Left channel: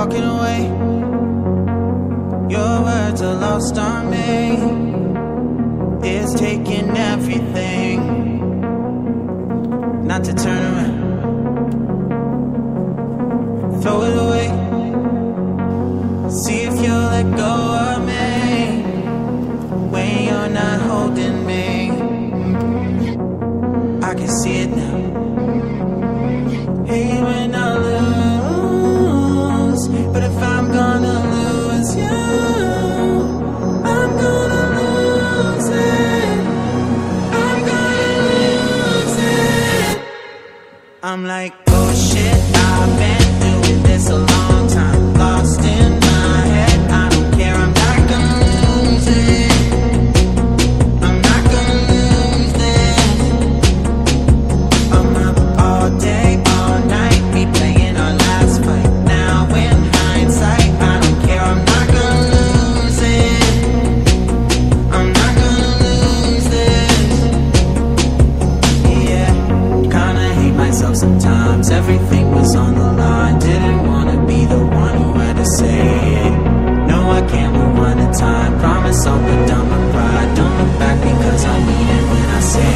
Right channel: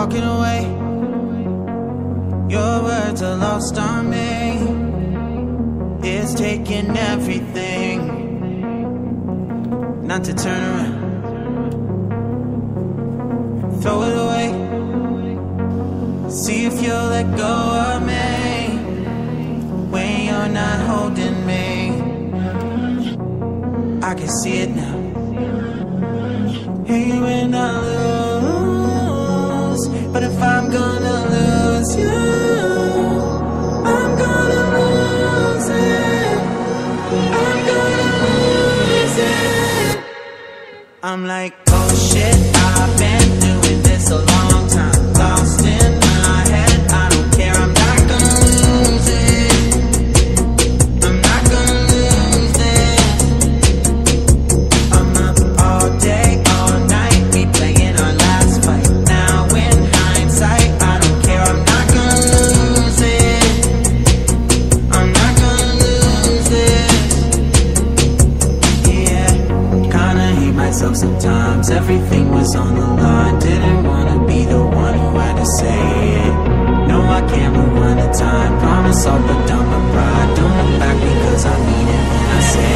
walking away. Your words are lost on me. It's taking everything not to turn around. Throw it away. See if you'll let go of me when you're not holding me. I can see it now. Hate when I lose, but if I'm gonna lose you, I'm gonna lose it. I'm gonna lose it. I'm like, oh shit, I've been doing this a long time. Lost in my head, I don't care, I'm not gonna lose it. I'm not gonna lose this. I'm up all day, all night, we playing our last fight. Now in hindsight, I don't care, I'm not gonna lose it. I'm not gonna lose this. Yeah, kinda hate myself sometimes. Everything was on the line. Didn't wanna be the one who had to say it. No, I can't move one at a time. Promise I'll put down my pride. Don't look back because I mean it when I say it.